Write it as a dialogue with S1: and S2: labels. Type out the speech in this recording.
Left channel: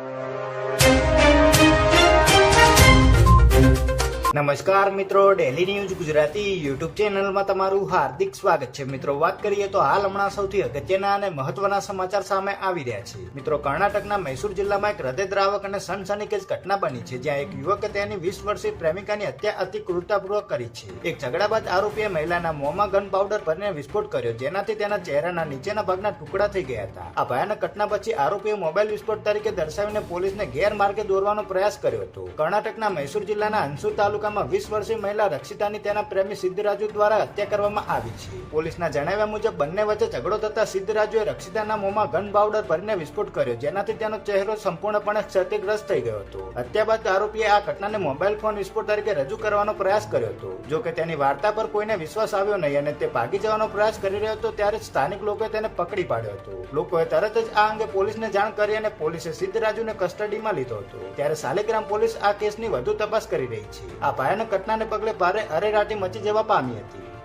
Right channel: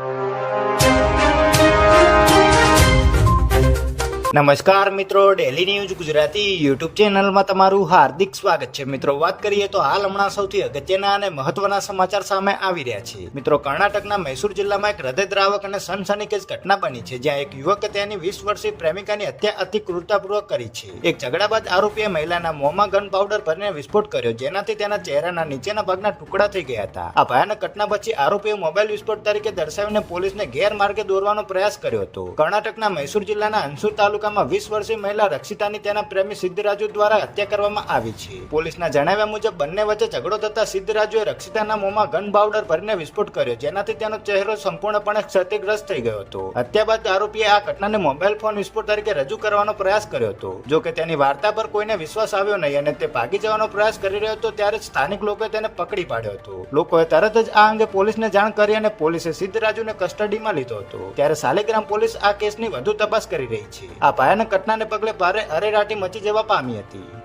S1: you. નમસ્કાર મિત્રો daily news Gujarati YouTube ચેનલમાં તમારું હાર્દિક સ્વાગત છે. મિત્રો, વાત કરીએ તો હાલ હમણાં સૌથી અગત્યના અને મહત્વના સમાચાર સામે આવી રહ્યા છે. મિત્રો, કર્ણાટકના મૈસૂર જિલ્લામાં એક હૃદયદ્રાવક અને સનસનીખેજ ઘટના બની છે, જ્યાં એક યુવકે તેની વીસ વર્ષીય પ્રેમિકાની હત્યા અતિ ક્રૂરતાપૂર્વક કરી છે. એક ઝઘડાબાદ આરોપીએ મહિલાના મોંમાં ગન પાવડર ભરીને વિસ્ફોટ કર્યો, જેનાથી તેના ચહેરાના નીચેના ભાગના ટુકડા થઈ ગયા હતા. આ ભયાનક ઘટના પછી આરોપીએ મોબાઈલ વિસ્ફોટ તરીકે દર્શાવીને પોલીસને ગેરમાર્ગે દોરવાનો પ્રયાસ કર્યો હતો. કર્ણાટકના મૈસૂર જિલ્લાના અંસુર તાલુકામાં વીસ વર્ષીય મહિલા રક્ષિતાની તેના પ્રેમી સિદ્ધરાજુ દ્વારા હત્યા કરવામાં આવી છે. પોલીસના જણાવ્યા મુજબ બંને વચ્ચે ઝઘડો થતા સિદ્ધરાજુએ રક્ષિતાના મોંમાં ગન પાવડર ભરીને વિસ્ફોટ કર્યો, જેનાથી તેનો ચહેરો સંપૂર્ણપણે ક્ષતિગ્રસ્ત થઈ ગયો હતો. હત્યા બાદ આરોપીએ આ ઘટનાને મોબાઈલ ફોન વિસ્ફોટ તરીકે રજૂ કરવાનો પ્રયાસ કર્યો હતો. જો કે તેની વાર્તા પર કોઈને વિશ્વાસ આવ્યો નહીં અને તે ભાગી જવાનો પ્રયાસ કરી રહ્યો હતો, ત્યારે સ્થાનિક લોકોએ તેને પકડી પાડ્યો હતો. લોકોએ તરત જ આ અંગે પોલીસને જાણ કરી અને પોલીસે સિદ્ધરાજુને કસ્ટડીમાં લીધો હતો. ત્યારે સાલેગ્રામ પોલીસ આ કેસની વધુ તપાસ કરી રહી છે. આ ભયાનક ઘટનાને પગલે ભારે અરેરાટી મચી જવા પામી હતી.